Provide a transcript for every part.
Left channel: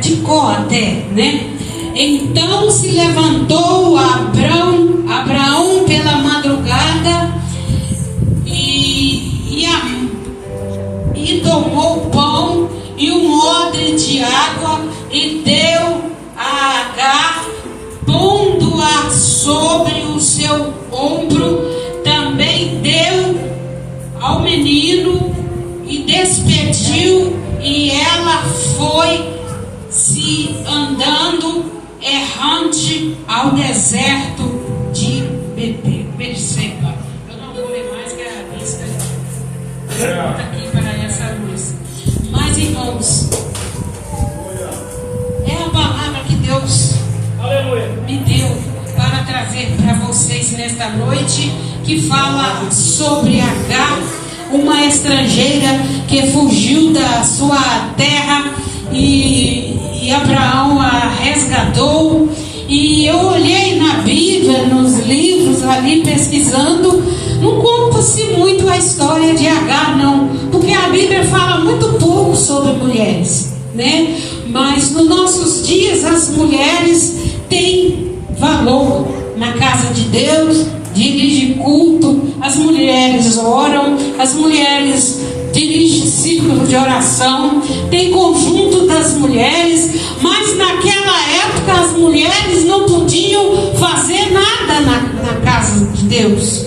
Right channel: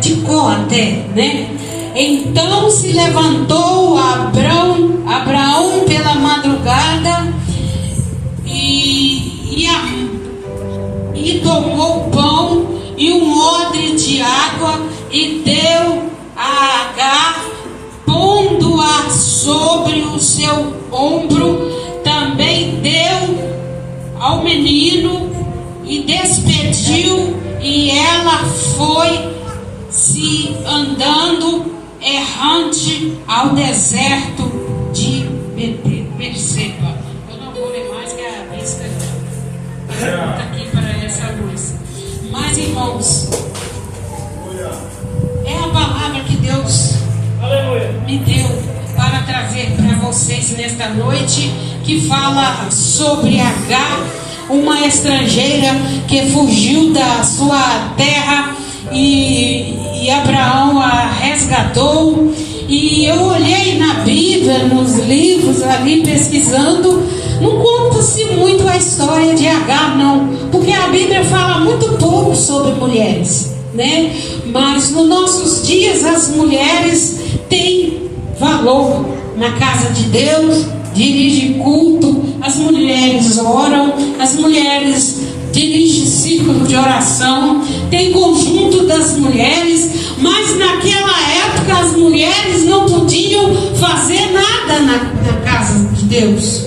de Có até, né? Então se levantou Abraão pela madrugada e tomou o pão e um odre de água e deu a Agar, pondo-a sobre o seu ombro. Também deu ao menino e despediu, e ela foi se andando errante ao deserto de Berseba. Eu não vou ler mais, que a vista está aqui para essa luz. Mas, irmãos, é a palavra que Deus me deu para trazer para vocês nesta noite, que fala sobre Agar, uma estrangeira que fugiu da sua terra e Abraão a resgatou. E eu olhei na Bíblia, nos livros ali pesquisando, não conta-se muito a história de Agar, não, porque a Bíblia fala muito pouco sobre mulheres, né? Mas nos nossos dias as mulheres têm valor na casa de Deus, dirigem culto, as mulheres oram, as mulheres dirigem círculo de oração, tem conjunto das mulheres, mas naquela época as mulheres não podiam fazer nada na casa de Deus.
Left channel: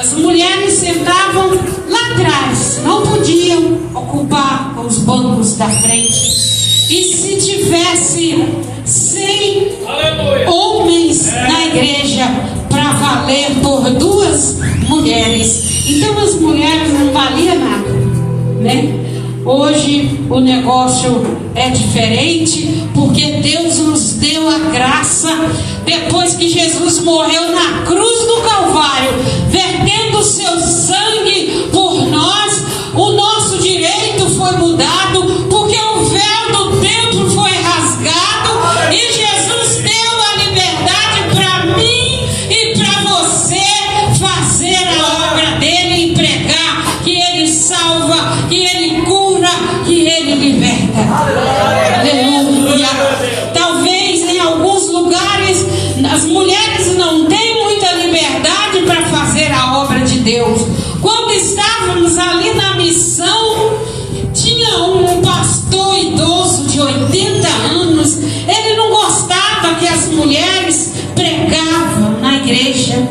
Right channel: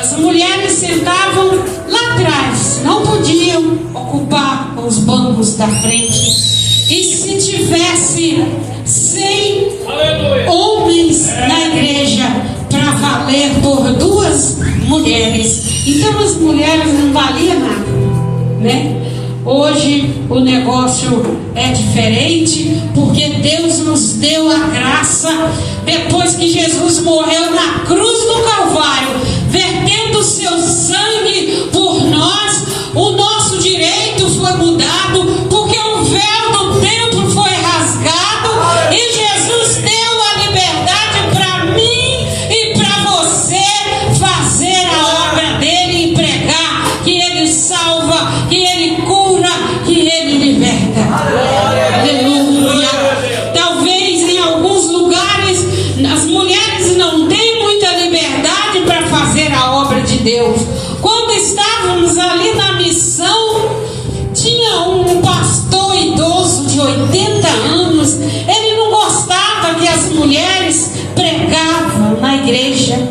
As mulheres sentavam lá atrás, não podiam ocupar os bancos da frente. E se tivesse 100 homens na igreja para valer por 2 mulheres, então as mulheres não valiam nada, né? Hoje o negócio é diferente, porque Deus nos deu a graça, depois que Jesus morreu na cruz do Calvário, vertendo o seu sangue por nós, o nosso direito foi mudado, porque o véu do templo foi rasgado e Jesus deu a liberdade para mim e para você fazer a obra dele e pregar que ele salva, que ele cura, que ele liberta. Aleluia. Talvez em alguns lugares as mulheres não têm muita liberdade para fazer a obra de Deus. Quando estávamos ali na missão, tinha um pastor idoso de 80 anos. Ele não gostava que as mulheres pregavam na igreja,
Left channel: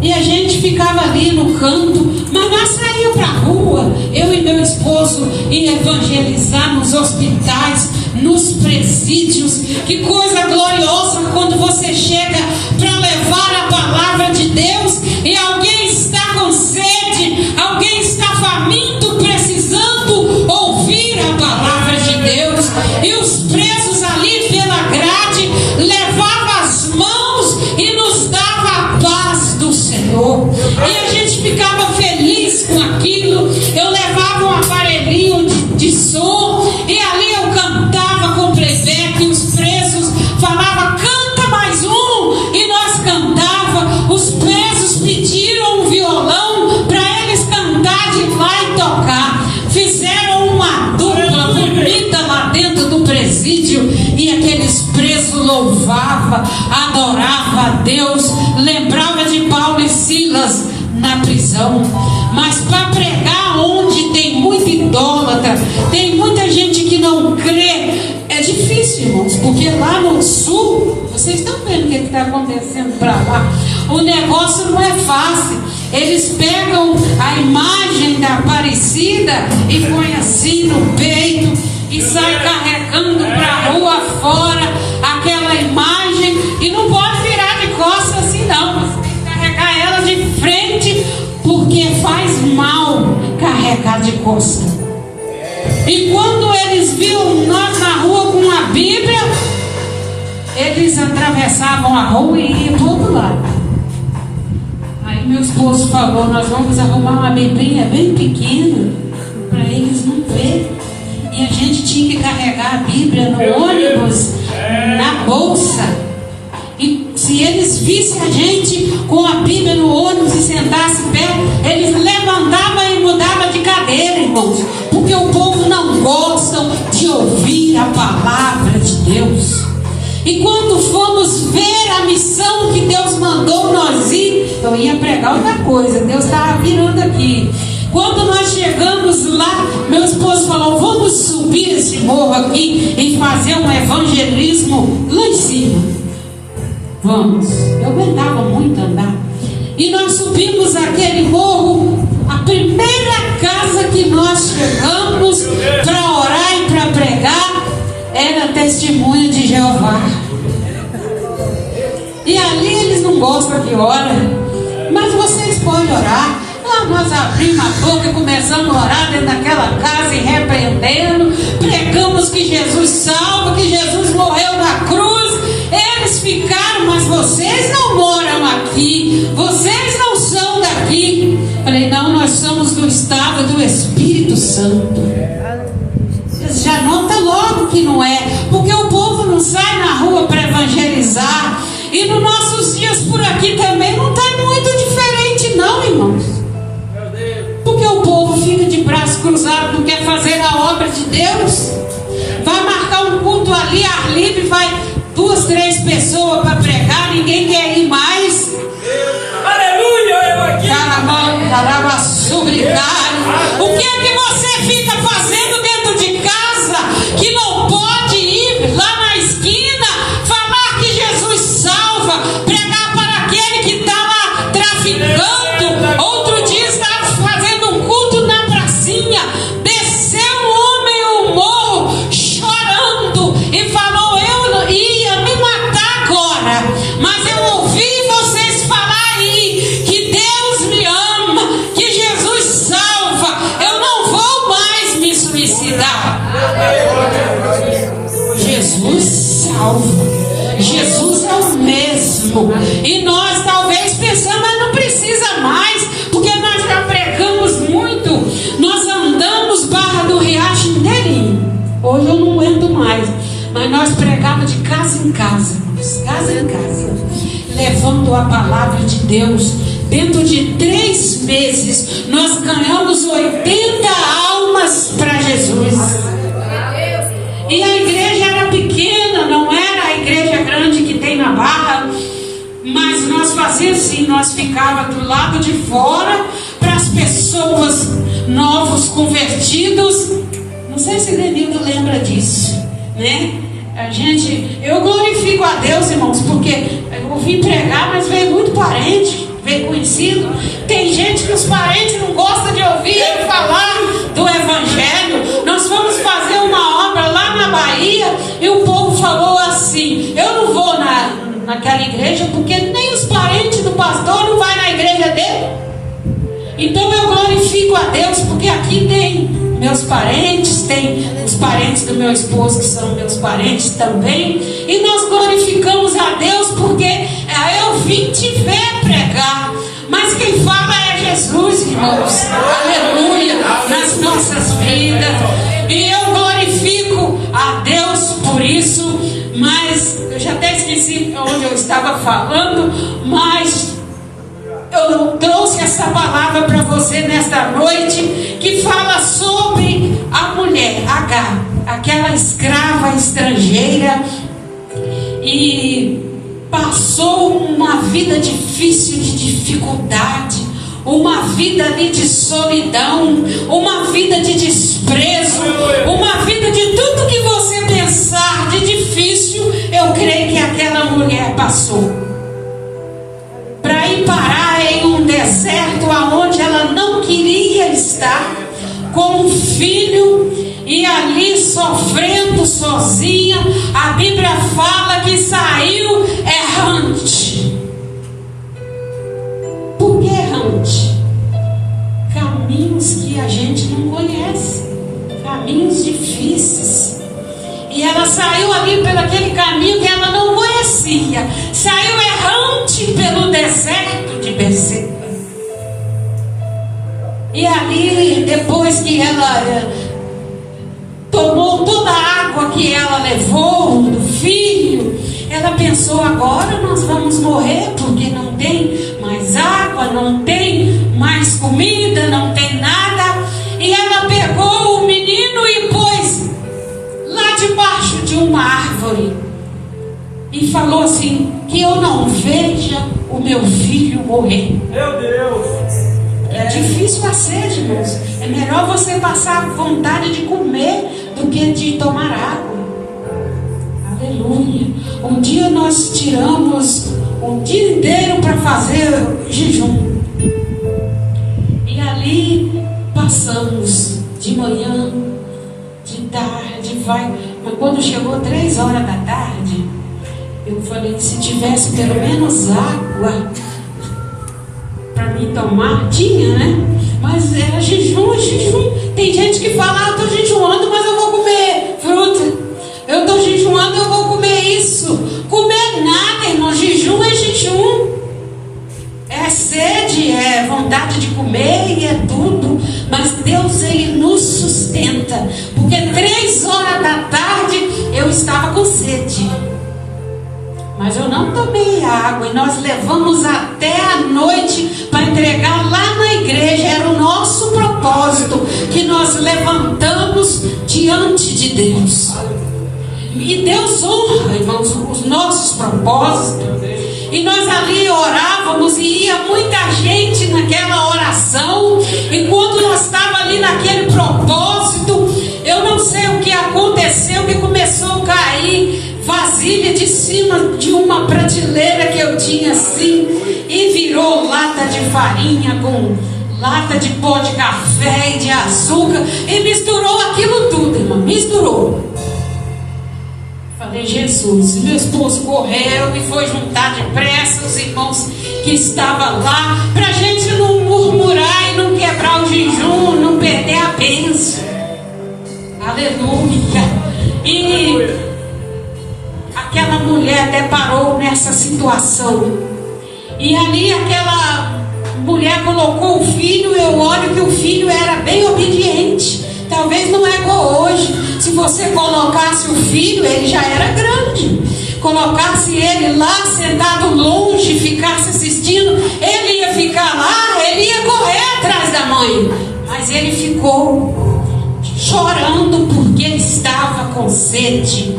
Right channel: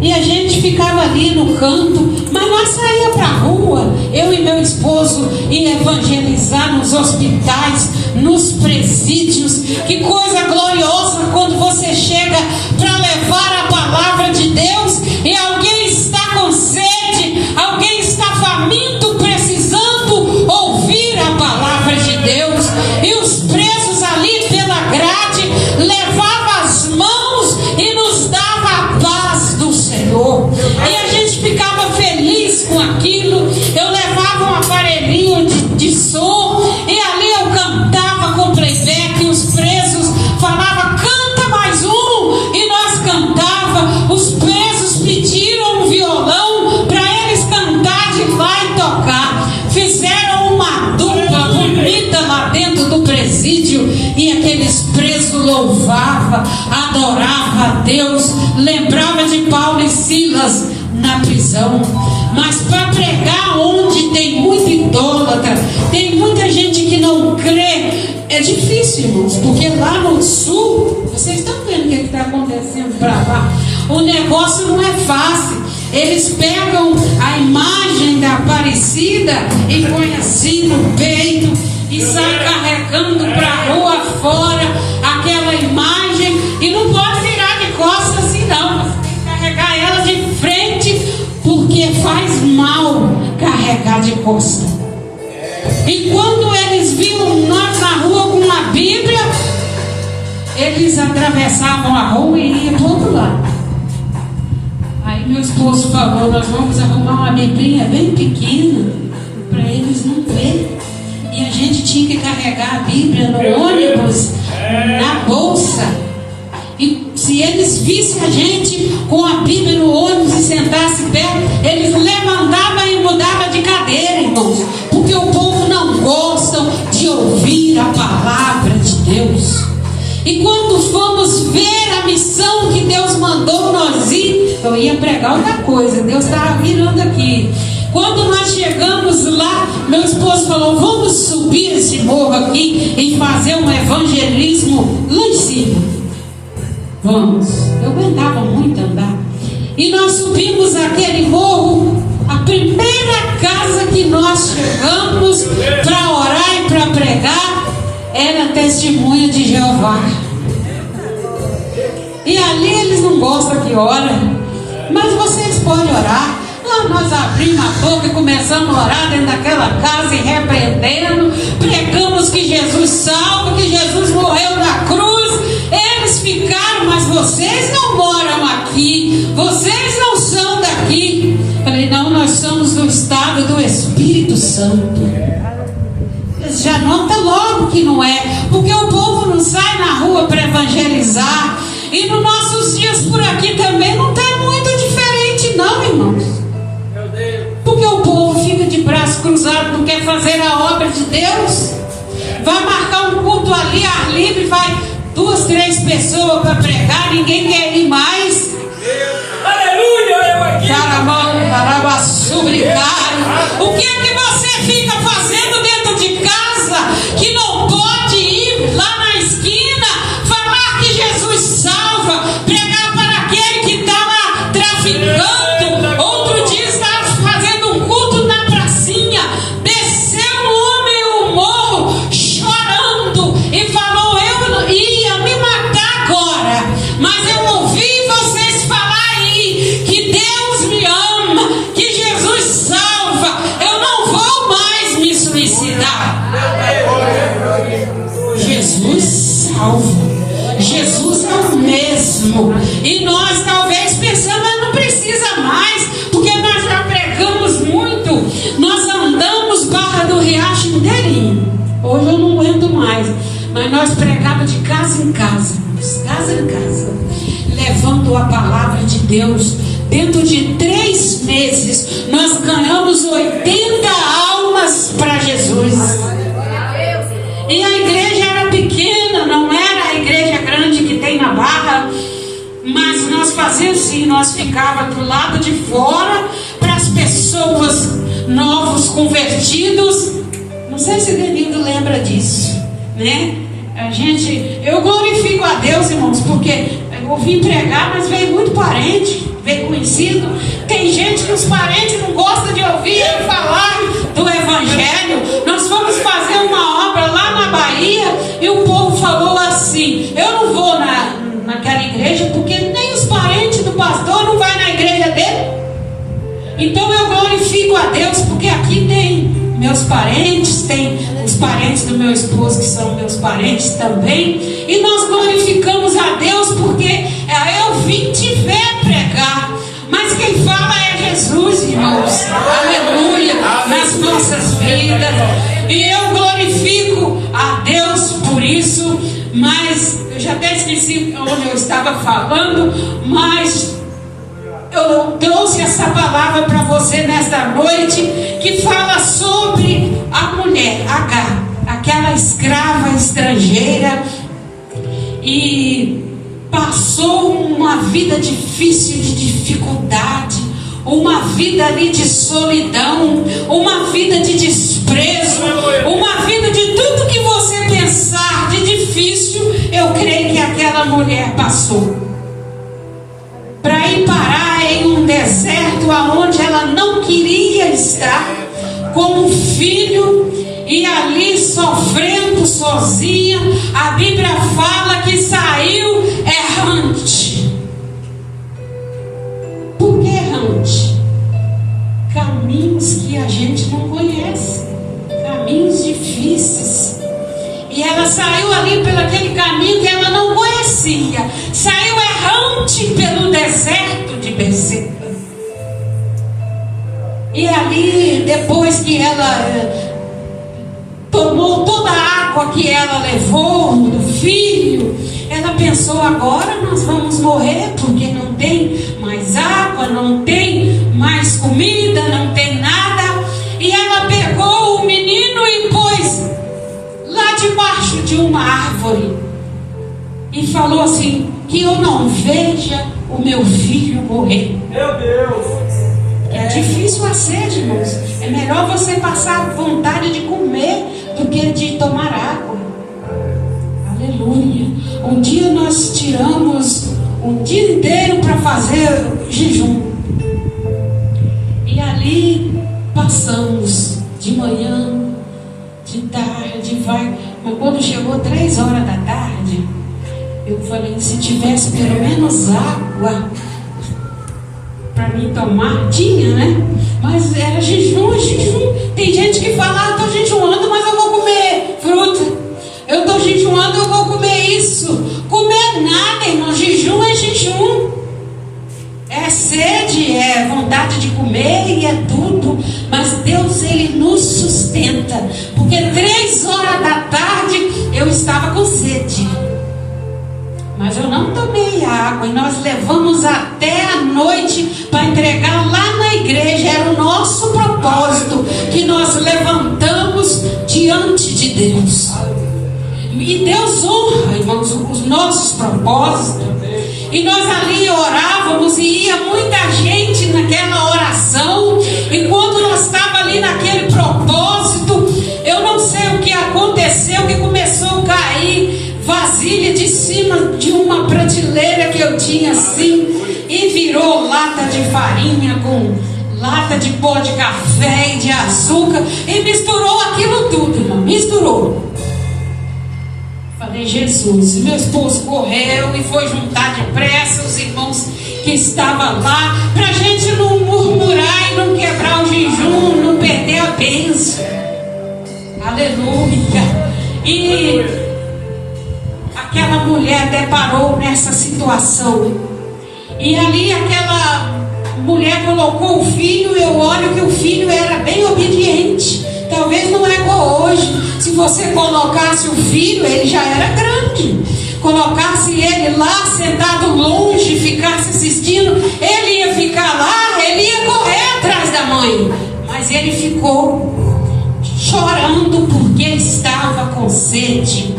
e a gente ficava ali no canto, mas nós saíamos para a rua, eu e meu esposo, e evangelizar nos hospitais, nos presídios. Que coisa gloriosa quando você chega para levar a palavra de Deus e alguém está com sede, alguém está faminto, precisando ouvir a palavra de Deus, e os presos ali pela grade levavam as mãos e nos dava a paz do Senhor, e a gente ficava feliz com aquilo. Eu levava um aparelhinho de som e ali eu cantava com playback, e os presos falavam: canta mais um, e nós cantava. Os presos pediram um violão para eles cantar de lá e tocar. Fizeram uma dupla bonita lá dentro do presídio, e aqueles presos louvavam, adoravam a Deus, lembrava de Paulo e Silas na prisão. Mas para pregar onde tem muito idólatra, tem muita gente que não crê, é difícil, irmãos, porque lá no sul, vocês estão vendo o que está acontecendo para lá, o negócio não é fácil. Eles pegam a imagem da Aparecida e põem assim no peito e saem carregando para a rua fora aquela imagem, e não pode virar de costas assim não, você tem que carregar ela de frente, porque faz mal carregar de costas. E quando eles viam nós na rua com uma Bíblia, eles atravessavam a rua e iam para o outro lado. Aí meu esposo falou: nós vamos arrumar uma Biblinha bem pequena para eles não verem. E a gente tinha que carregar a Bíblia no ônibus, na bolsa. E se eles vissem a gente com a Bíblia no ônibus e sentassem perto, eles levantavam e mudavam de cadeira, irmãos, porque o povo não gosta de ouvir a palavra Deus. E quando fomos ver a missão que Deus mandou nós ir, eu ia pregar outra coisa, Deus estava virando aqui. Quando nós chegamos lá, meu esposo falou: vamos subir esse morro aqui e fazer um evangelismo lá em cima. Vamos. Eu aguentava muito andar. E nós subimos aquele morro. A primeira casa que nós chegamos para orar e para pregar era Testemunho de Jeová. E ali eles não gostam que ora, mas vocês podem orar. Lá nós abrimos a boca e começamos a orar dentro daquela casa e repreendendo, pregamos que Jesus salva, que Jesus morreu na cruz. Eles ficaram: mas vocês não moram aqui, vocês não são daqui. Falei: não, nós somos do estado do Espírito Santo. Vocês já notam logo que não é, porque o povo não sai na rua para evangelizar. E nos nossos dias por aqui também não está muito diferente não, irmãos. Porque o povo fica de braço cruzado, não quer fazer a obra de Deus. Vai marcar um culto ali, ar livre, vai 2, 3 pessoas para pregar, ninguém quer ir mais. Aleluia! O que é que você fica fazendo dentro de casa que não pode ir lá na esquina falar que Jesus salva, pregar para aquele que estava traficando? Outro dia estava fazendo um culto na pracinha, desceu um homem no morro chorando e falou: eu ia me matar agora, mas eu ouvi vocês falar aí que Deus me ama, que Jesus salva, eu não vou mais me suicidar. Jesus salva, Jesus é o mesmo. E nós talvez pensamos: mas não precisa mais, porque nós já pregamos muito. Nós andamos Barra do Riacho inteirinho. Hoje eu não aguento mais, mas nós pregávamos de casa em casa, levando a palavra de Deus. Dentro de 3 meses nós ganhamos 80 almas para Jesus. E a igreja era pequena, não era a igreja grande que tem na Barra, mas nós fazíamos assim, nós ficávamos do lado de fora para as pessoas novos convertidos. Não sei se Denildo lembra disso, né? Eu glorifico a Deus, irmãos, porque eu vim pregar, mas veio muito parente, veio conhecido. Tem gente que os parentes não gostam de ouvir eu falar do Evangelho. Nós fomos fazer uma obra lá na Bahia e o povo falou assim: eu não vou naquela igreja porque nem os parentes do pastor não vai na igreja dele. Então eu glorifico a Deus porque aqui tem meus parentes, tem os parentes do meu esposo que são meus parentes também, e nós glorificamos a Deus porque eu vim te ver pregar, mas quem fala é Jesus, irmãos. Aleluia, nas nossas vidas. E eu glorifico a Deus por isso. Mas eu já até esqueci onde eu estava falando, mas eu trouxe essa palavra para você nesta noite, que fala sobre a mulher H, aquela escrava estrangeira, e passou uma vida difícil, de dificuldade, uma vida ali de solidão, uma vida de desprezo, uma vida de tudo que você pensar de difícil. Eu creio que aquela mulher passou para ir parar em um deserto aonde ela não queria estar, com um filho, e ali sofrendo sozinha. A Bíblia fala que saiu errante. Por que errante? Caminhos que a gente não conhece, caminhos difíceis. E ela saiu ali pelo aquele caminho que ela não conhecia, saiu errante pelo deserto de Berseba. E ali, depois que ela tomou toda a água que ela levou do filho, ela pensou: agora nós vamos morrer, porque não tem mais água, não tem mais comida, não tem nada. E ela pegou o menino e pôs lá de debaixo de uma árvore e falou assim: que eu não veja o meu filho morrer. Meu Deus! É difícil a sede, irmãos. É melhor você passar vontade de comer do que de tomar água. Aleluia. Um dia nós tiramos um dia inteiro para fazer jejum. E ali passamos de manhã, de tarde, vai. Mas quando chegou 3 horas da tarde, eu falei que se tivesse pelo menos água para mim tomar, tinha, né? Mas era jejum, jejum. Tem gente que fala: eu estou jejuando, mas eu vou comer fruta. Eu estou jejuando, eu vou comer isso. Comer nada, irmão. Jejum é jejum. É sede, é vontade de comer e é tudo. Mas Deus, Ele nos sustenta. Porque 3 horas da tarde eu estava com sede. Mas eu não tomei água. E nós levamos até a noite para entregar lá na igreja. Era o nosso propósito que nós levantamos diante de Deus. E Deus honra, irmãos, os nossos propósitos. E nós ali orávamos e ia muita gente naquela oração. E quando nós estávamos ali naquele propósito, eu não sei o que aconteceu, que começou a cair vasilha de cima de uma prateleira que eu tinha assim, e virou lata de farinha com lata de pó de café e de açúcar, e misturou aquilo tudo, irmão, misturou. Falei: Jesus. Meu esposo correu e foi juntar depressa os irmãos que estavam lá, para a gente não murmurar e não quebrar o jejum, não perder a bênção. Aleluia. E aquela mulher deparou nessa situação, e ali aquela mulher colocou o filho. Eu olho que o filho era bem obediente. Talvez não é igual hoje. Se você colocasse o filho, ele já era grande. Colocasse ele lá sentado longe, ficasse assistindo, ele ia ficar lá, ele ia correr atrás da mãe. Mas ele ficou chorando porque estava com sede.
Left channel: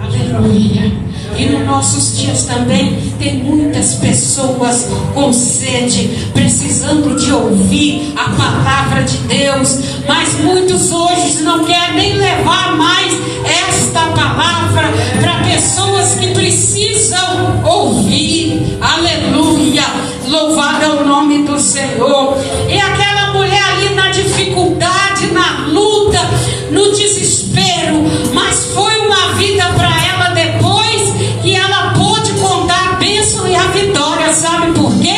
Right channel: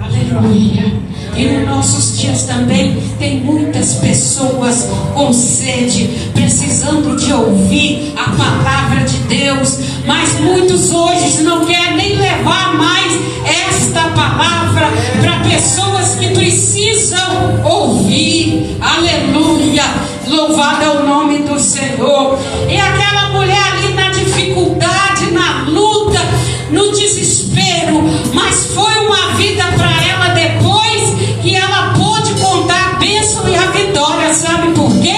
Aleluia. E nos nossos dias também tem muitas pessoas com sede, precisando de ouvir a palavra de Deus, mas muitos hoje não querem nem levar mais esta palavra para pessoas que precisam ouvir. Aleluia, louvado é o nome do Senhor. E aquela mulher ali na dificuldade, na luta, no desespero, mas foi uma vida para ela depois que ela pôde contar a bênção e a vitória. Sabe por quê?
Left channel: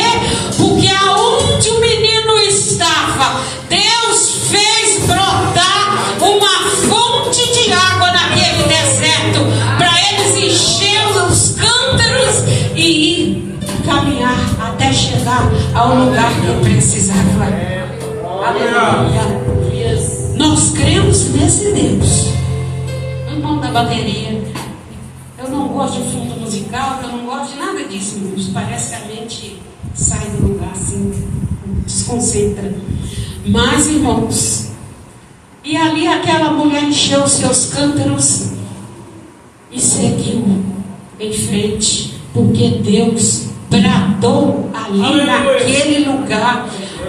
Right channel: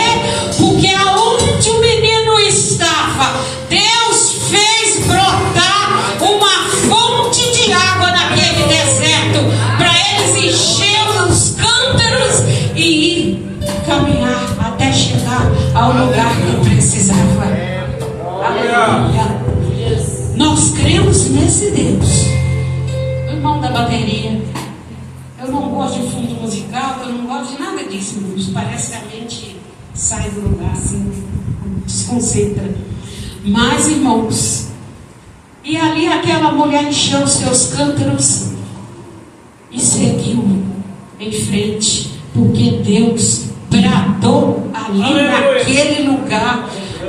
Porque aonde o menino estava, Deus fez brotar uma fonte de água naquele deserto, para eles encher os cântaros e ir caminhar até chegar ao lugar que precisava. Aleluia. Nós cremos nesse Deus. Irmão da bateria, eu não gosto de fundo musical, eu não gosto de nada disso. Parece que a mente sai do lugar assim, desconcentra. Mas, irmãos, e ali aquela mulher encheu os seus cântaros e seguiu em frente, porque Deus bradou ali naquele lugar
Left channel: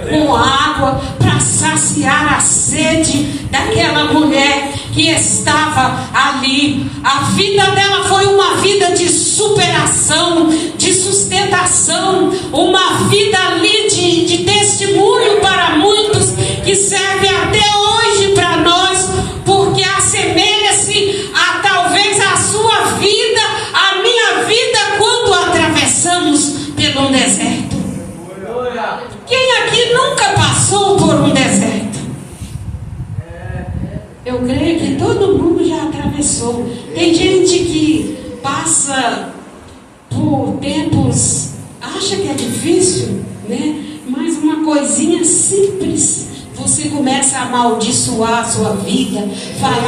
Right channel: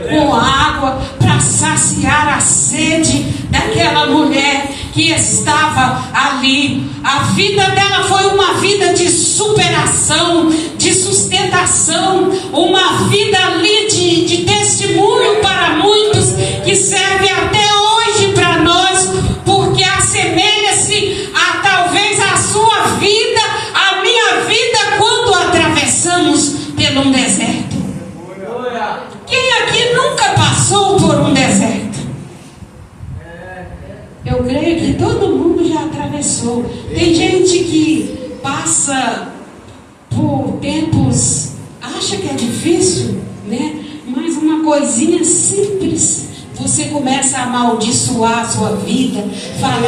com água para saciar a sede daquela mulher que estava ali. A vida dela foi uma vida de superação, de sustentação, uma vida ali de testemunho para muitos, que serve até hoje para nós, porque assemelha-se a talvez a sua vida, a minha vida, quando atravessamos por um deserto. Quem aqui nunca passou por um deserto? Eu creio que todo mundo já atravessou. Tem gente que passa por tempos, acha que é difícil, né? Mas uma coisinha simples, você começa a amaldiçoar a sua vida, falar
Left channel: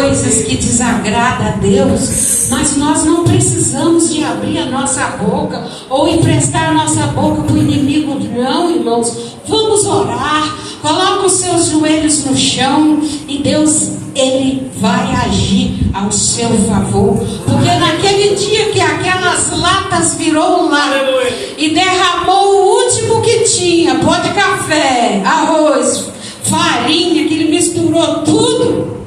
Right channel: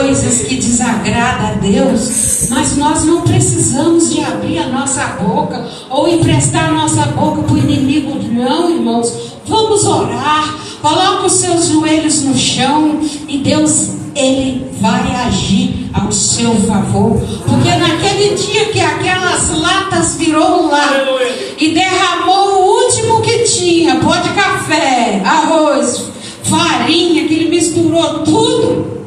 coisas que desagradam a Deus. Mas nós não precisamos de abrir a nossa boca ou emprestar a nossa boca para o inimigo, não, irmãos. Vamos orar. Coloca os seus joelhos no chão e Deus Ele vai agir ao seu favor. Porque naquele dia que aquelas latas virou lá e derramou o último que tinha, pó de café, arroz, farinha, que ele misturou tudo,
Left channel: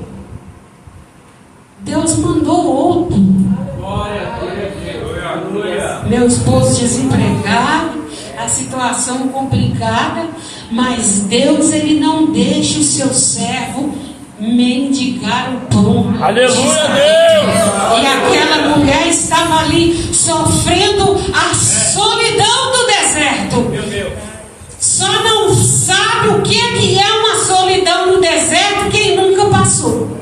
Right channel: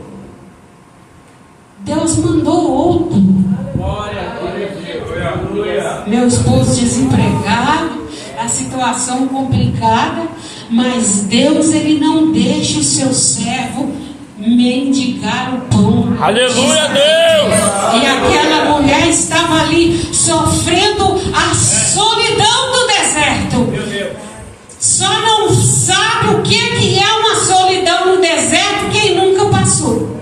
Deus mandou outro. Meu esposo desempregado, a situação complicada, mas Deus, ele não deixa o seu servo mendigar o pão. Aleluia, Deus! E aquela mulher estava ali sofrendo a solidão do deserto. Meu Deus. Só não sabe o que é uma solidão no deserto quem nunca passou.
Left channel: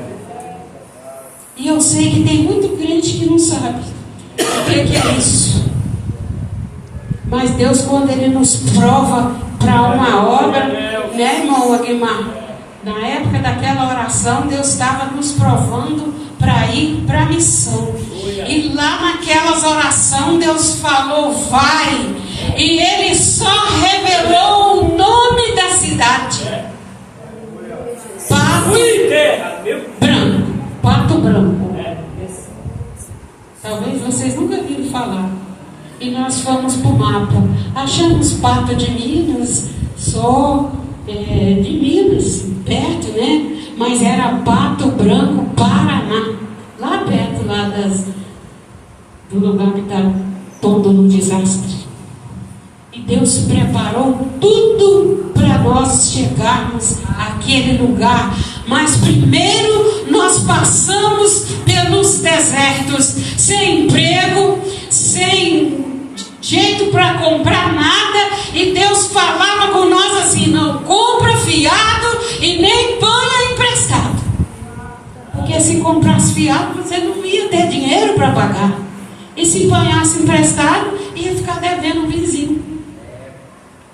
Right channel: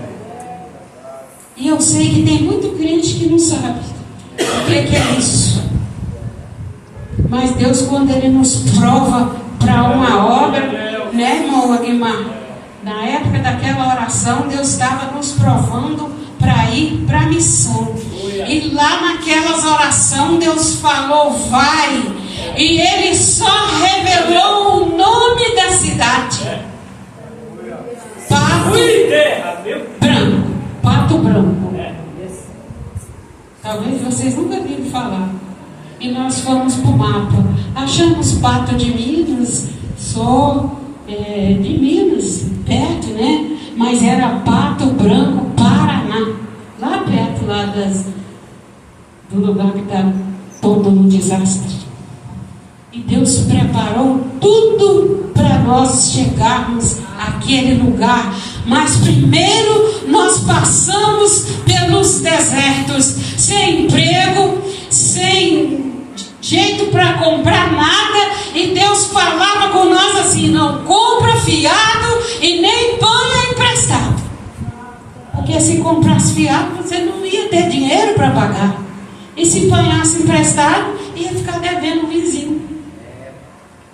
E eu sei que tem muito crente que não sabe o que é isso. Mas Deus, quando Ele nos prova para uma obra, né, irmão Aguimar? Na época daquela oração, Deus estava nos provando para ir para a missão. E lá naquelas orações, Deus falou, vai. E Ele só revelou o nome da cidade. Pato Branco. Talvez vocês nunca viram falar. E nós fomos para o mapa. Achamos Pato de Minas, só de Minas, perto, né? Mas era Pato Branco, Paraná. Lá perto, do lugar que está todo no desastre. E Deus preparou tudo para nós chegarmos àquele lugar. Mas primeiro nós passamos pelos desertos, sem emprego, sem jeito para comprar nada. E Deus falava com nós assim: não compra fiado e nem põe emprestado. Porque se comprasse fiado, você não ia ter dinheiro para pagar. E se ponhasse emprestado, ia ficar devendo o vizinho.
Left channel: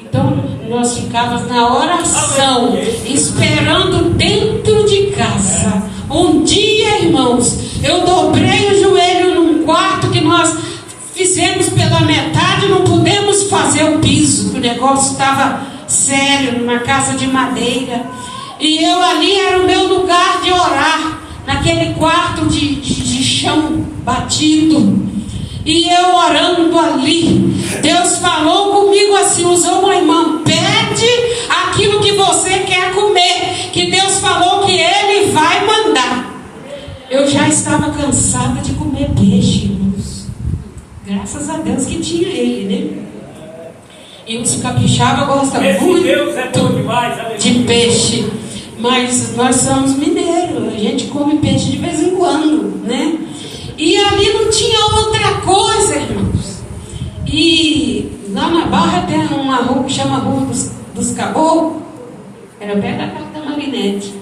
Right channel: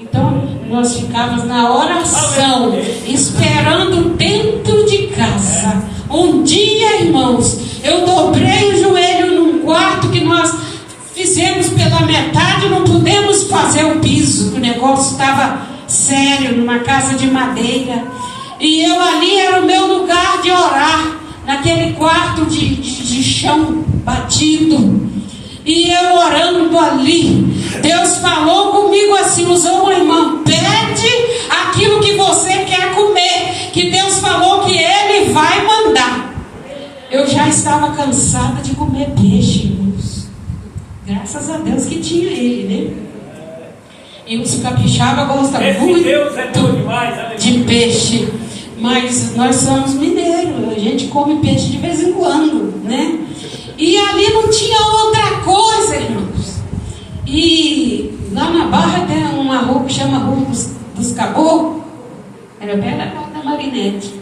Então, nós ficávamos na oração, esperando dentro de casa. Um dia, irmãos, eu dobrei o joelho num quarto que nós fizemos pela metade, não pudemos fazer o piso, que o negócio estava sério, numa casa de madeira. E eu ali era o meu lugar de orar, naquele quarto de chão batido. E eu orando ali, Deus falou comigo assim, usou uma irmã: pede aquilo que você quer comer, que Deus falou que Ele vai mandar. Eu já estava cansada de comer peixe, irmãos. Graças a Deus que tinha Ele, né? E os capixaba gostam muito de peixe. Mas nós somos mineiros, a gente come peixe de vez em quando, né? E ali não tinha outra coisa, irmãos. E lá na Barra tem uma rua que chama Rua dos Caboclos. Era perto da porta da Marinete.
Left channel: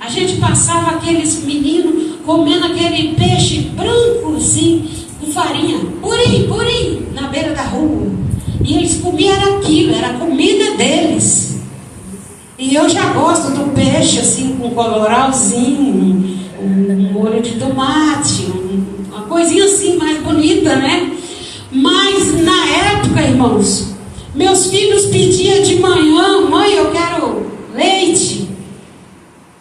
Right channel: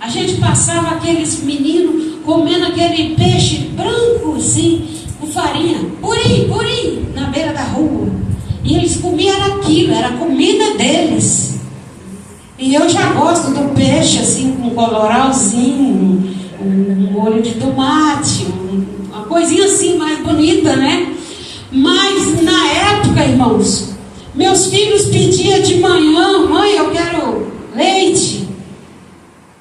A gente passava aqueles meninos comendo aquele peixe branco assim, com farinha, purim, na beira da rua. E eles comiam aquilo, era a comida deles. E eu já gosto do peixe assim, com colorauzinho, um molho de tomate, uma coisinha assim mais bonita, né? Mas na época, irmãos, meus filhos pediam de manhã: mãe, eu quero leite.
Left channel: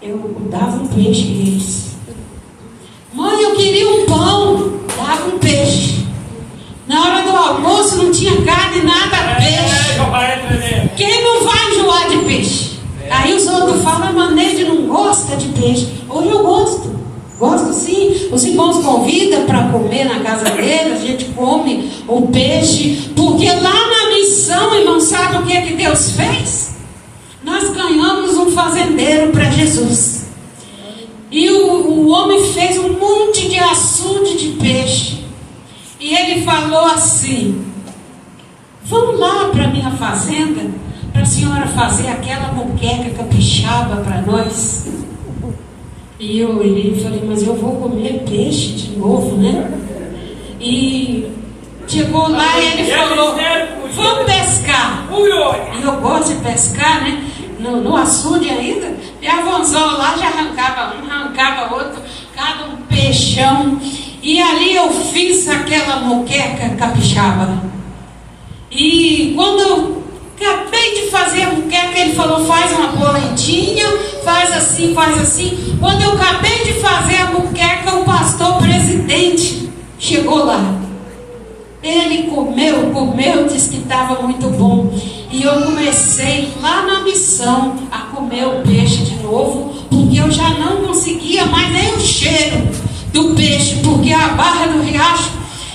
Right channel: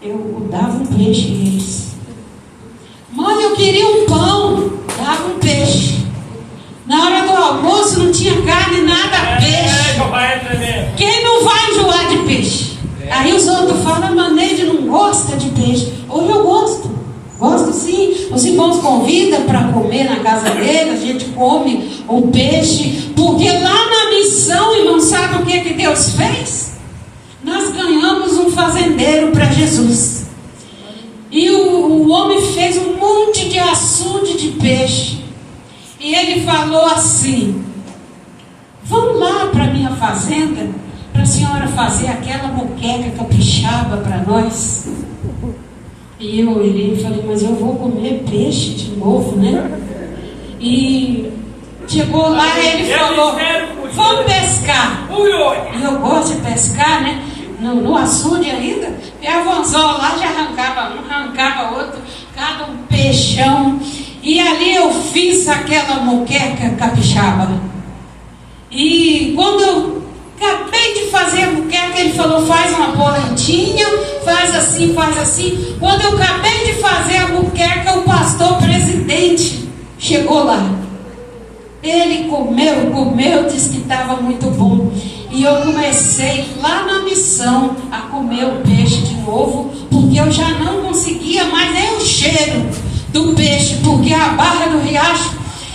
Eu dava um peixe a eles. Mãe, eu queria um pão. Dava um peixe. Na hora do almoço não tinha carne, nada, peixe. Quem não vai enjoar de peixe? Aí os outros falam: Maneide não gosta de peixe. Hoje eu gosto. Gosto sim. Os irmãos convidam para comer na casa deles, a gente come o peixe. Porque lá na missão, irmão, sabe o que Deus fez? Nós ganhamos um fazendeiro para Jesus. E o homem fez um monte de açude de peixe. E ele falou assim: vamos lá para a minha fazenda, para a senhora fazer aquela moqueca capixaba para nós. E eu olhei e falei: mas eu vou comer peixe de novo, né? E chegou lá e ele falou: vamos pescar. E eu gosto de pescar, né? No açude ainda. E avançou lá, já arrancava um, arrancava outro, cada um peixão. E ali eu fiz aquela moqueca capixaba. E quando eu acabei de fazer a moqueca, ele falou: faz uma polentinha, faz assim, faz assim. Quando eu acabei de fazer a muqueca, o pastor presidente chegou lá. Ele comeu, disse que estava muito bom. E eu comecei lá na missão a comer o peixe de novo, porque eu já não conseguia mais nem o cheiro do peixe, porque a Barra do Riacho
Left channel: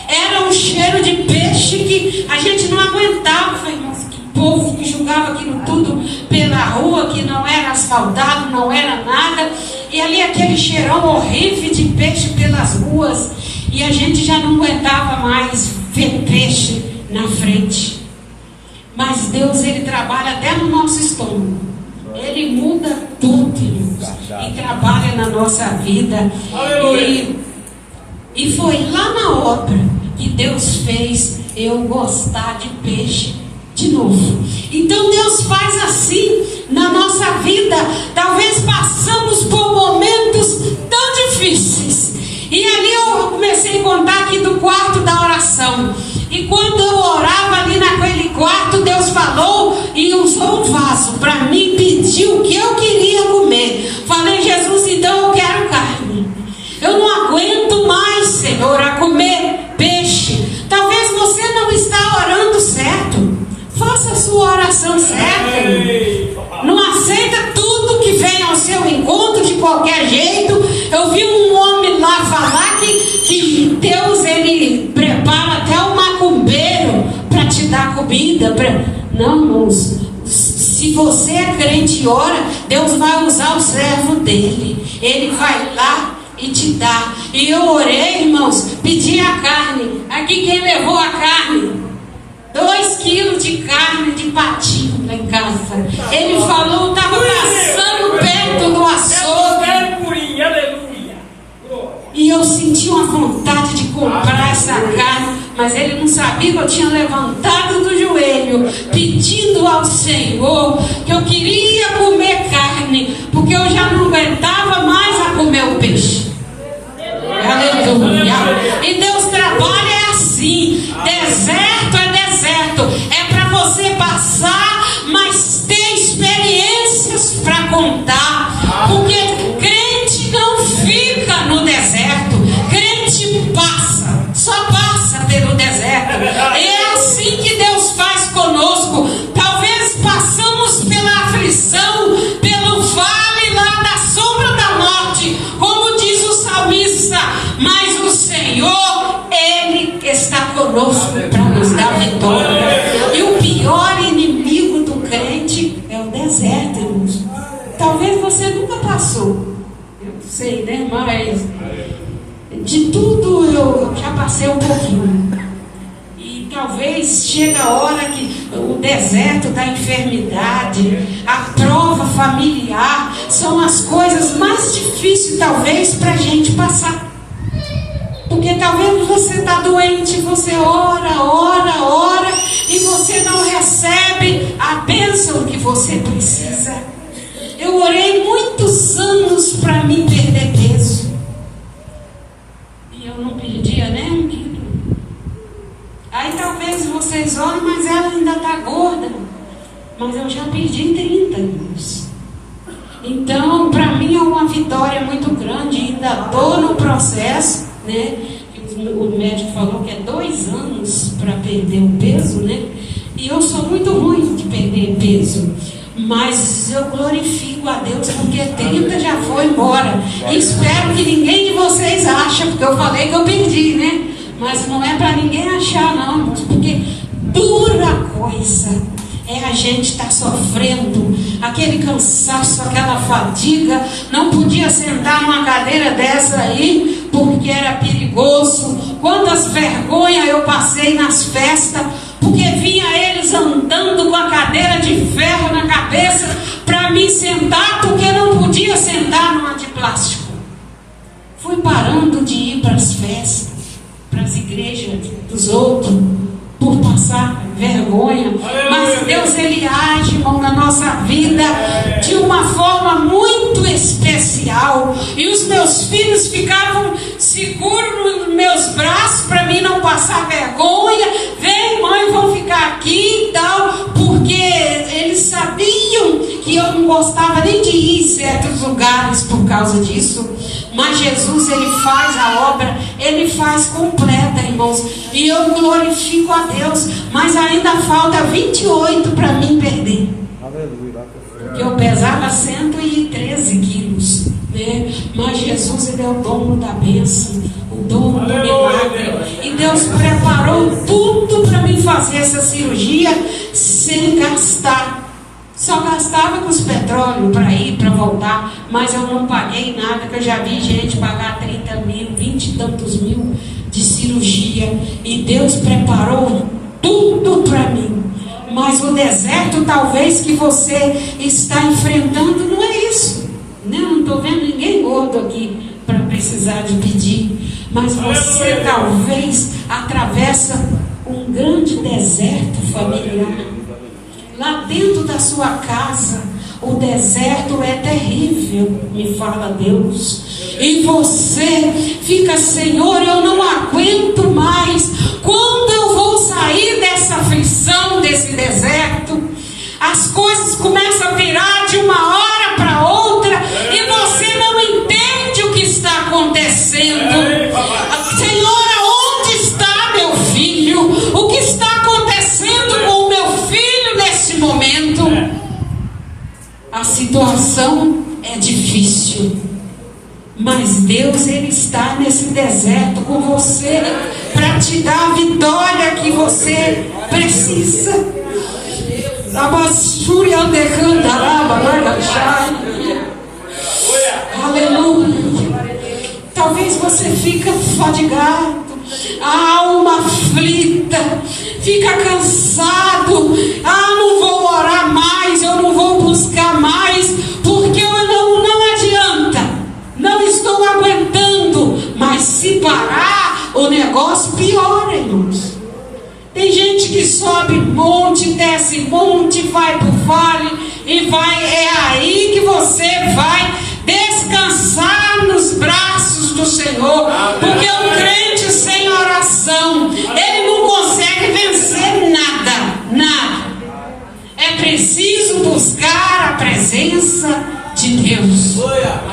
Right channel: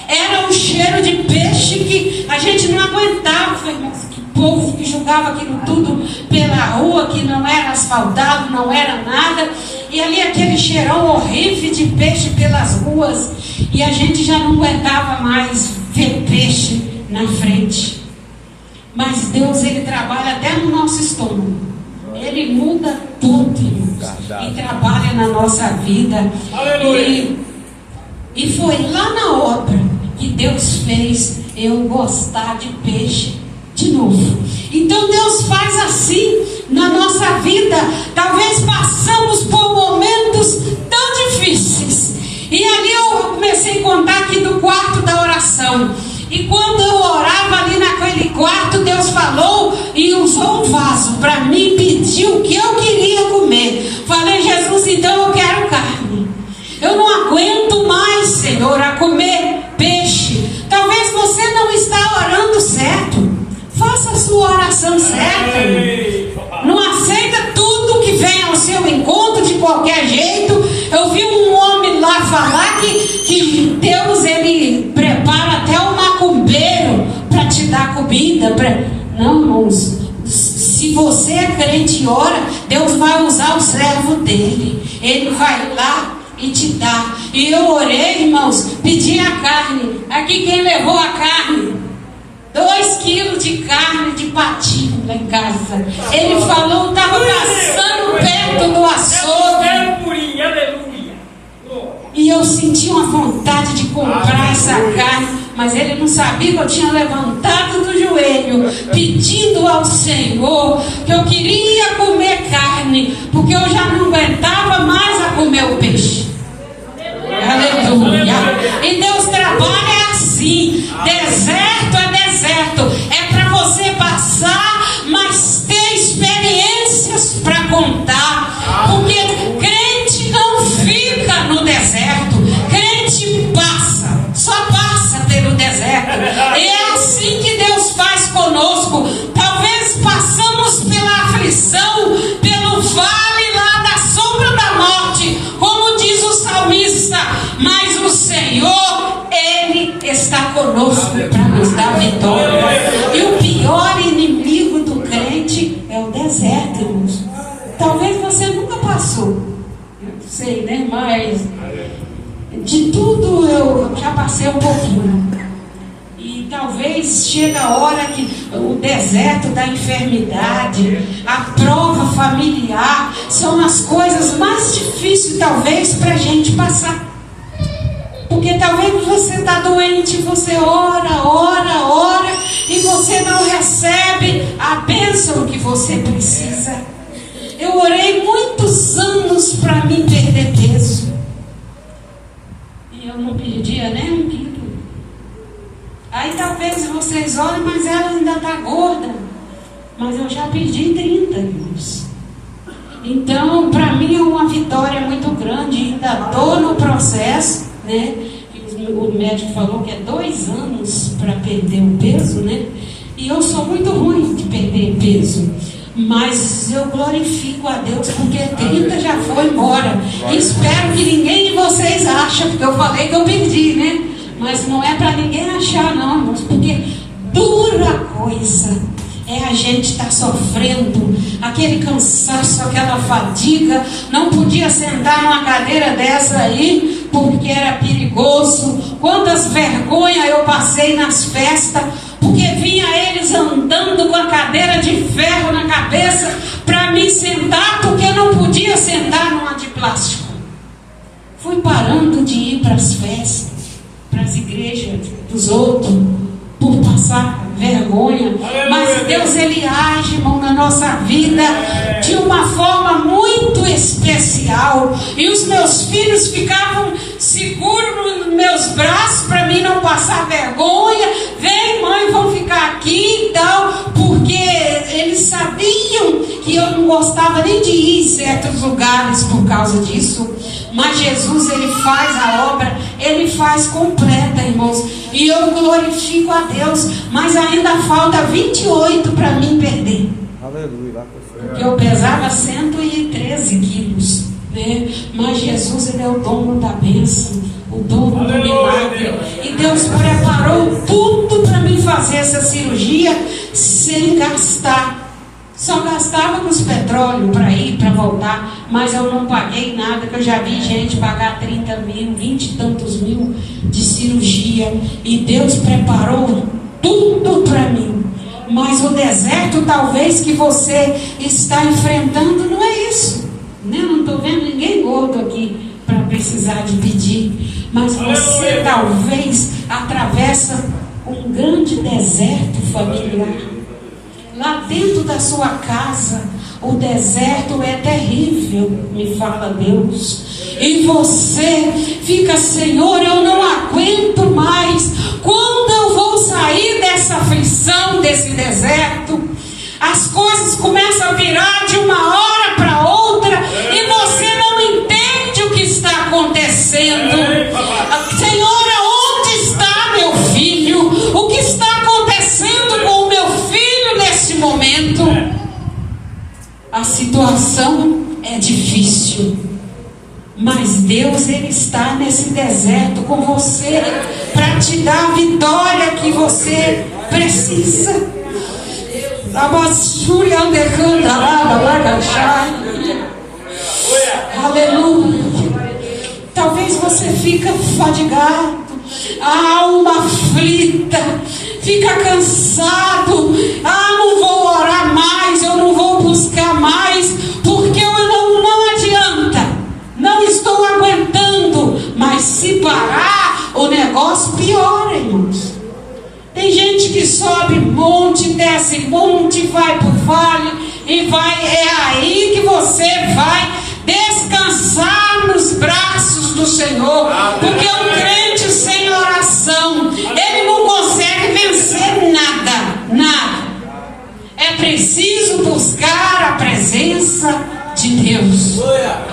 era um cheiro de peixe que a gente não aguentava. Falei, mas que povo que jogava aquilo tudo pela rua, que não era asfaltado, não era nada. E ali aquele cheirão horrível de peixe pelas ruas. E a gente já não aguentava mais ver peixe na frente. Mas Deus, Ele trabalha até no nosso estômago. Ele muda tudo, irmãos, e trabalha na nossa vida. E foi lá na obra que Deus fez eu gostar de peixe de novo. Então Deus faz assim na nossa vida. Talvez passamos por momentos tão difíceis. E ali eu comecei a contar aqui do quarto da oração. E quando eu orava ali naquele quarto, Deus falou e usou um vaso para mim, pediu o que eu queria comer. Falei, Jesus, então eu quero carne. Eu não aguento mais, Senhor, a comer peixe. Talvez você não está orando certo. Faça a sua oração certa. Não aceita tudo que vem ao seu encontro de qualquer jeito. Eu vi um homem lá falar que Deus, Ele prepara até um macumbeiro para te dar comida. Não, irmãos. Se você é crente e ora, Deus vai usar o servo dele. Ele vai lá e te dá. E eu orei, irmãos, pedi a carne. Aqui quem levou a carne? 2 quilos de carne de patinho lá em casa. Ele falou, estava passando perto do açougue. E eu senti uma vontade de comprar essa carne, mas ele não sabia que eu tinha levantado do joelho, pedindo ao Senhor que eu queria comer carne, porque eu já não aguentava mais a comer o peixe. Aleluia. E Deus trabalha assim. Deserto é deserto. É para você passar, mas ter experiências para contar. Porque crente não fica no deserto. Crente passa, só passa pelo deserto. E é assim que Deus faz conosco. Talvez passamos pela aflição, pelo vale lá da sombra da morte, como diz o salmista, mas o Senhor, Ele está conosco para nos dar vitória. E o pior inimigo do crente é o deserto, irmãos. Talvez você nunca passou, eu não sei, né? Mas de tudo eu já passei um pouquinho. E talvez chega a hora que o deserto da enfermidade, a prova familiar, são as coisas mais difíceis talvez para a gente passar. Porque talvez você está doente, você ora, e você não recebe a bênção que você precisa. Eu orei muitos anos para mim perder peso. E eu não perdia nem um quilo. Aí talvez vocês olhem, mas ela ainda está gorda. Mas eu já perdi 30 quilos. Então, para mim é uma vitória muito grande. Ainda estou no processo, né? O médico falou que é 2 anos para perder o peso, né? E eu sou muito ruim de perder peso. Mas eu glorifico a Deus, porque 30 já foi embora. E espero que ninguém de vocês ache, porque eu falei que eu perdi, né? Mas não é para ninguém achar, não, irmãos, porque dura coisa é a gente estar sofrendo, aquele cansaço, aquela fadiga. Não podia sentar numa cadeira dessa aí, porque era perigoso. Quantas vergonhas eu passei nas festas, porque vinha eles andando com a cadeira de ferro na cabeça para me sentar, porque não podia sentar numa de plástico. Fui parando de ir para as festas, para as igrejas dos outros, por passar vergonha. Mas Deus, Ele age, irmão, na nossa vida de uma forma muito especial. E os meus filhos ficavam seguros nos meus braços para mim não passar vergonha. Vem, mãe, vão ficar aqui e tal, porque eles sabiam que eu não gostava nem de ir certos lugares por causa disso. Mas Jesus, Ele faz a obra, Ele faz completa, irmãos. E eu glorifico a Deus. Mas ainda falta 28 para mim perder. Porque eu pesava 113 quilos, né? Mas Jesus, Ele é o dono da bênção, o dono do milagre. E Deus preparou tudo para mim fazer essa cirurgia sem gastar. Só gastava com os petróleos para ir, para voltar. Mas eu não paguei nada, que eu já vi gente pagar 30 mil, 20 e tantos mil de cirurgia. E Deus preparou tudo para mim. Mas o deserto talvez que você está enfrentando não é isso, né? Não estou vendo ninguém gordo aqui para precisar de pedir. Mas você talvez atravessa um grande deserto familiar. Lá dentro da sua casa, o deserto é terrível, me fala Deus. E você fica, Senhor, eu não aguento mais. Quando eu vou sair dessa aflição, desse deserto? As coisas começam a virar de uma hora para outra e você não entende o que está acontecendo. Senhor, aonde está meu filho? O que está acontecendo com o meu filho neste momento? A situação é difícil, mas Deus, Ele está nesse deserto com você para te dar a vitória que você precisa. Aleluia. Talvez você fica fadigado, a alma aflita, fica cansado. Não vou orar mais, eu não vou buscar mais, porque eu não adianta, não estou aguentando. Mas se parar, o negócio piora, irmãos. Tem gente que sobe monte, desce monte, vai para o vale e vai. É aí que você vai descansar nos braços do Senhor. Porque um crente sem oração, ele não consegue vencer nada. É preciso buscar a presença de Deus.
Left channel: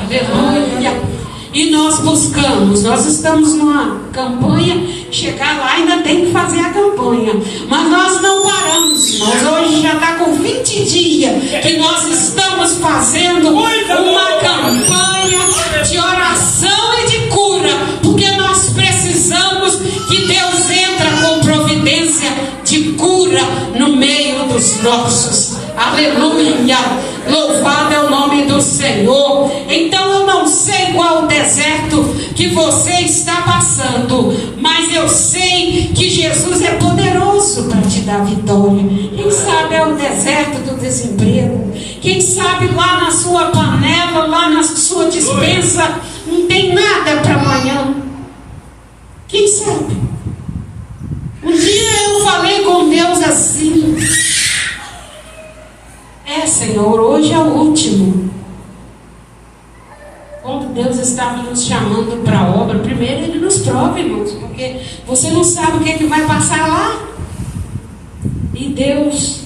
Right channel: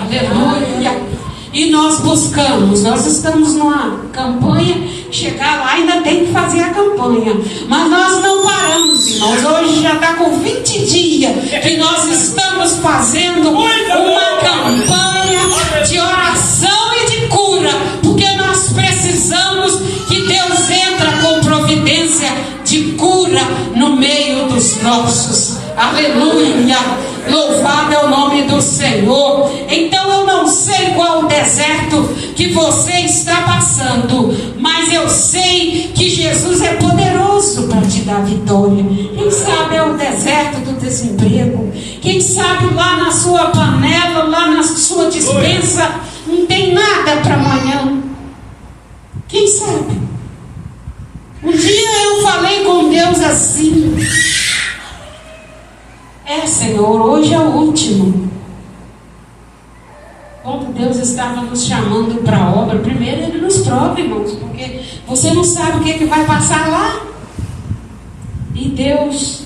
Aleluia. E nós buscamos, nós estamos numa campanha, chegar lá ainda tem que fazer a campanha, mas nós não paramos, irmãos. Hoje já está com 20 dias que nós estamos fazendo uma campanha de oração e de cura, porque nós precisamos que Deus entre com providência de cura no meio dos nossos. Aleluia. Louvado é o nome do Senhor. Então eu não sei qual o deserto que você está passando, mas eu sei que Jesus é poderoso para te dar vitória. Quem sabe é o deserto do desemprego. Quem sabe lá na sua panela, lá na sua despensa, não tem nada para amanhã. Quem sabe? Um dia eu falei com Deus assim: Senhor, hoje é o último. Quando Deus estava nos chamando para a obra, primeiro Ele nos prova, irmãos, porque você não sabe o que vai passar lá. E Deus,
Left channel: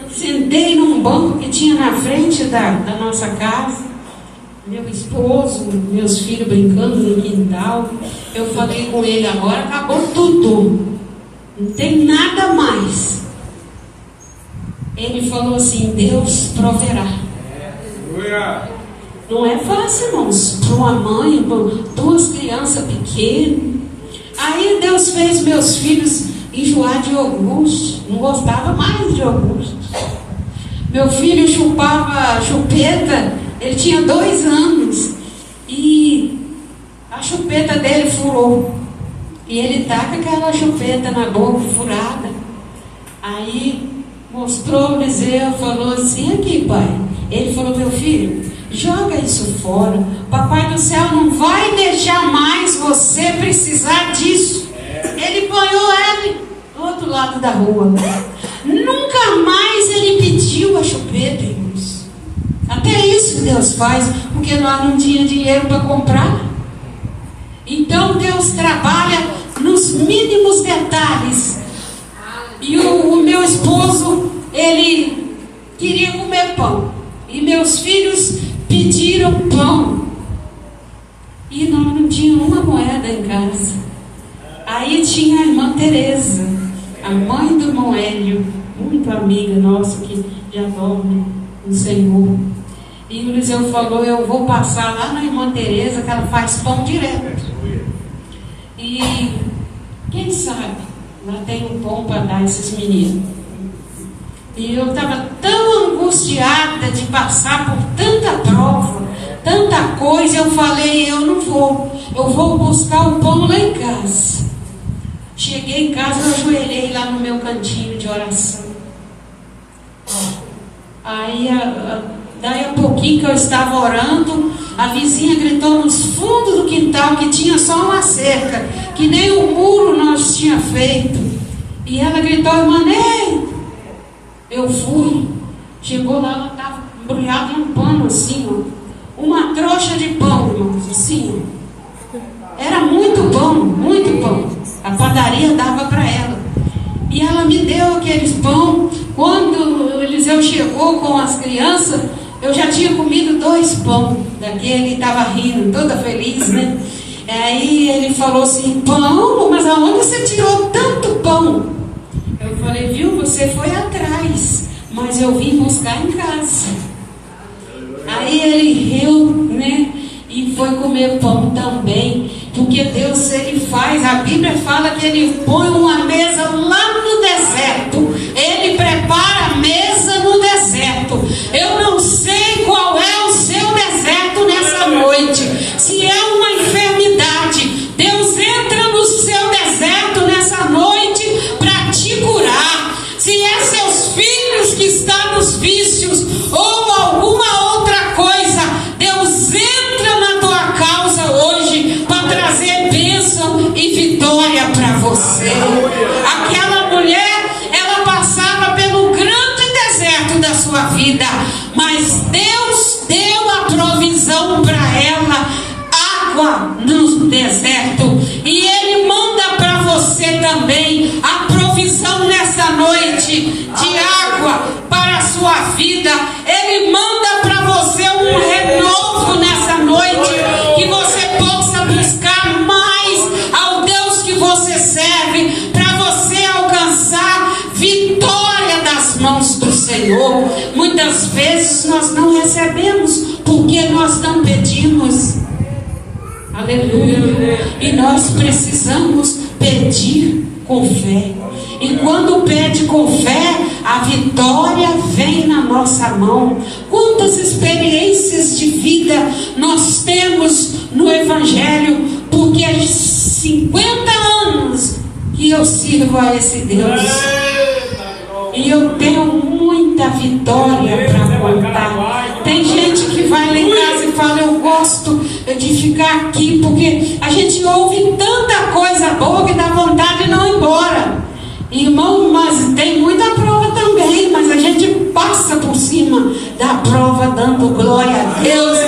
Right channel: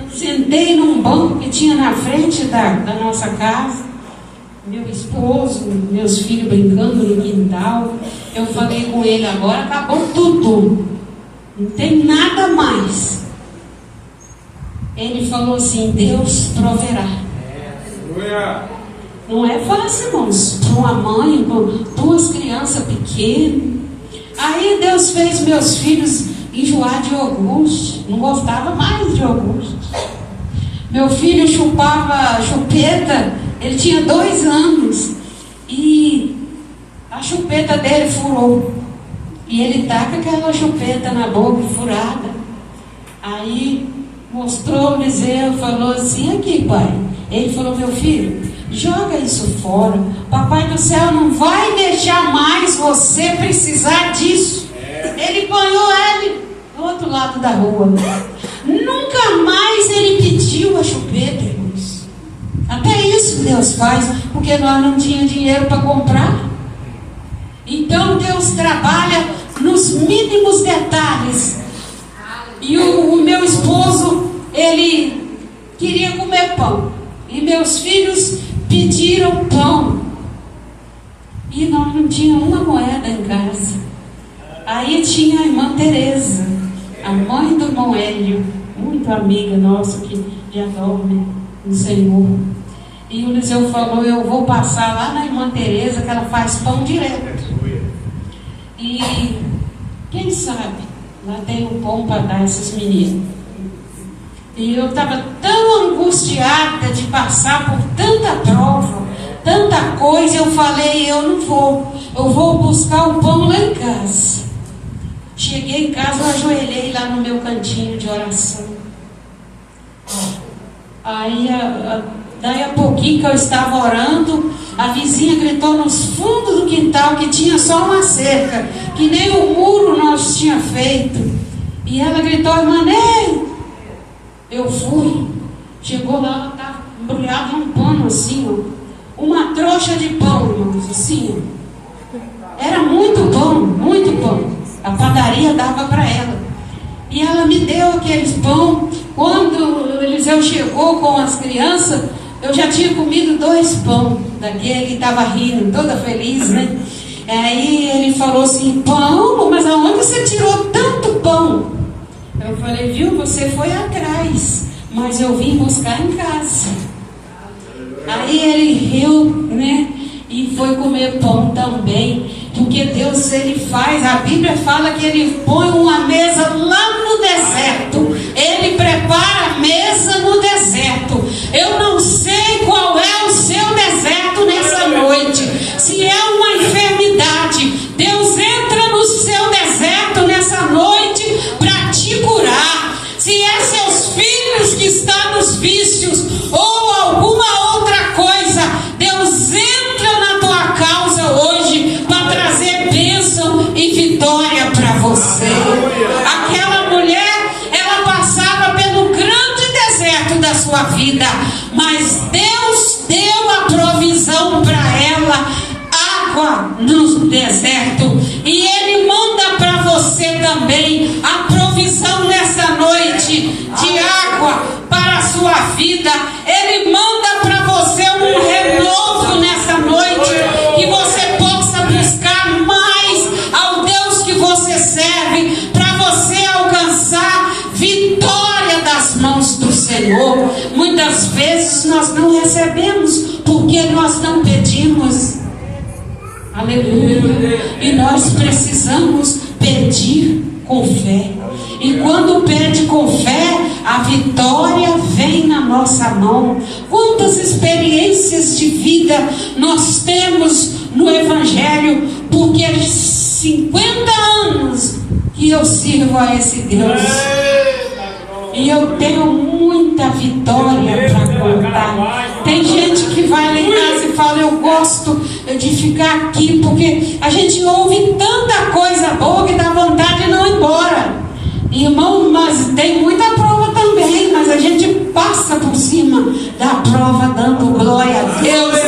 eu sentei num banco que tinha na frente da nossa casa, meu esposo, meus filhos brincando no quintal. Eu falei com ele: agora acabou tudo, não tem nada mais. Ele falou assim: Deus proverá. Não é fácil, irmãos, para uma mãe, para duas crianças pequenas. Aí Deus fez meus filhos enjoar de iogurte, não gostava mais de iogurte. Meu filho chupava chupeta, ele tinha 2 anos e a chupeta dele furou. E ele tá com aquela chupeta na boca furada. Aí mostrou o Eliseu, falou assim: aqui, pai. Ele falou: meu filho, joga isso fora. Papai do céu não vai deixar mais você precisar disso. Ele banhou ele do outro lado da rua. Nunca mais ele pediu a chupeta, irmãos. Até isso Deus faz, porque nós não tínhamos dinheiro para comprar. Então Deus trabalha nos mínimos detalhes. E o meu esposo, ele queria comer pão. E meus filhos tira o pão. E nós não tínhamos uma moeda em casa. Aí tinha a irmã Tereza, a mãe do irmão Hélio, muito amiga nossa, que já dorme no Senhor. E o Eliseu falou: eu vou passar lá na irmã Tereza, que ela faz pão direto. E quem sabe lá tem um pão para dar a esses meninos. E eu estava tão angustiada de passar por tanta prova, tanta coisa. Eu falei: eu não vou, eu vou buscar o pão lá em casa. Cheguei em casa, eu ajoelhei lá no meu cantinho de oração. Aí, daí a pouquinho que eu estava orando, a vizinha gritou nos fundos do quintal que tinha só uma cerca, que nem o muro nós tinha feito. E ela gritou: irmã Ney. Eu fui, chegou lá, ela estava embrulhada em um pano assim, ó, uma trouxa de pão, irmãos, assim, ó. Era muito pão, a padaria dava para ela. E ela me deu aqueles pão. Quando o Eliseu chegou com as crianças, eu já tinha comido 2 pão daquele, e estava rindo, toda feliz, né? Aí ele falou assim: pão? Mas aonde você tirou tanto pão? Eu falei: viu, você foi atrás, mas eu vim buscar em casa. Aí ele riu, né? E foi comer pão também, porque Deus, ele faz, a Bíblia fala que ele põe uma mesa lá no deserto, ele prepara a mesa no deserto. Eu não sei qual é o seu deserto nessa noite. Se é uma enfermidade, Deus entra no seu deserto nessa noite para te curar. Se é seus filhos que estão nos vícios ou alguma outra coisa, Deus entra na tua causa hoje para trazer bênção e vitória para você. Aquela mulher, ela passava pelo grande deserto da sua vida, mas Deus deu a provisão para ela, água no deserto. E Ele manda para você também a provisão nessa noite de água para a sua vida. Ele manda para você um renovo nessa noite, que você possa buscar mais ao Deus que você serve, para você alcançar vitória das mãos do Senhor. Muitas vezes nós não recebemos porque nós não pedimos. Aleluia. E nós precisamos pedir com fé. E quando pede com fé, a vitória vem na nossa mão. Quantas experiências de vida nós temos no Evangelho, porque 50 anos que eu sirvo a esse Deus. E eu tenho muita vitória para contar. Tem gente que vai lá em casa e fala: eu gosto de ficar aqui, porque a gente ouve tanta coisa boa que dá vontade de não ir embora. Irmão, mas tem muita prova também, mas a gente passa por cima da prova, dando glória a Deus,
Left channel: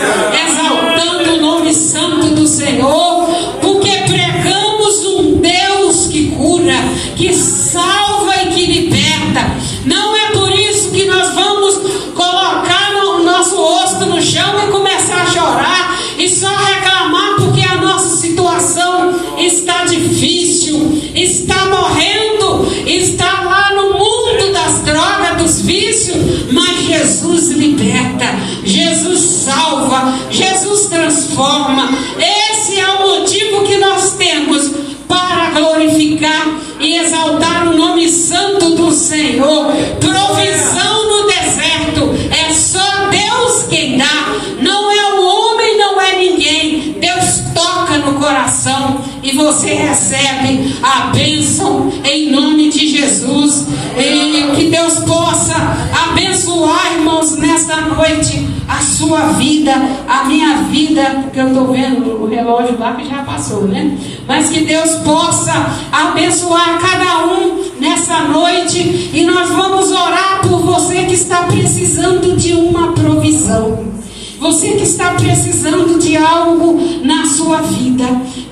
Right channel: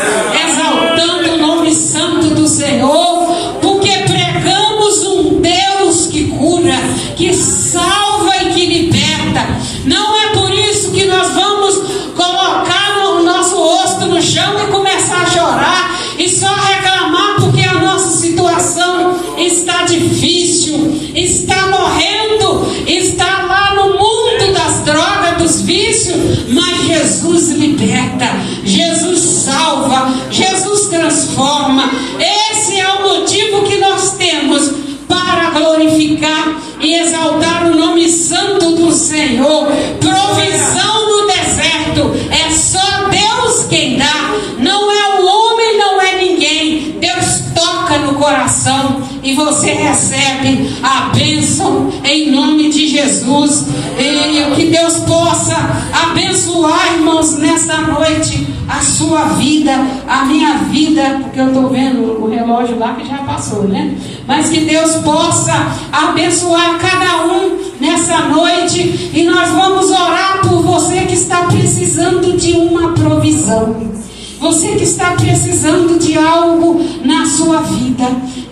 exaltando o nome santo do Senhor, porque pregamos um Deus que cura, que salva e que liberta. Não é por isso que nós vamos colocar o nosso rosto no chão e começar a chorar e só reclamar porque a nossa situação está difícil, está morrendo, está lá no mundo das drogas, dos vícios. Mas Jesus liberta, Jesus salva, Jesus transforma. Esse é o motivo que nós temos para glorificar e exaltar o nome santo do Senhor. Provisão no deserto é só Deus quem dá, não é o homem, não é ninguém. Deus toca no coração e você recebe a bênção em nome de Jesus. E que Deus possa abençoar, irmãos, nesta noite a sua vida, a minha vida, porque eu estou vendo o relógio lá que já passou, né? Mas que Deus possa abençoar cada um nessa noite, e nós vamos orar por você que está precisando de uma provisão, você que está precisando de algo na sua vida.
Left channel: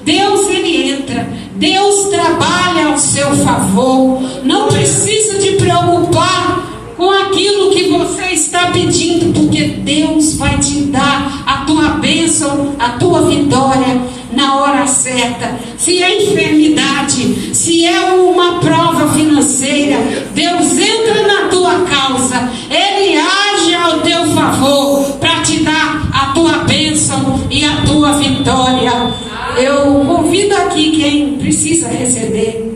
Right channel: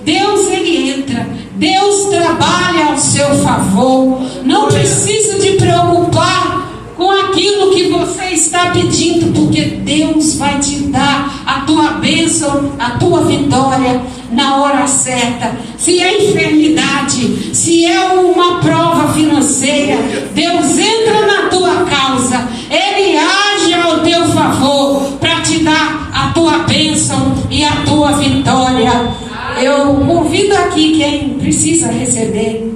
Deus, Ele entra, Deus trabalha ao seu favor. Não precisa de preocupar com aquilo que você está pedindo, porque Deus vai te dar a tua tua bênção, a tua vitória na hora certa. Se é enfermidade, se é uma prova financeira, Deus entra na tua causa, Ele age ao teu favor para te dar a tua bênção e a tua vitória. Eu convido aqui quem precisa receber.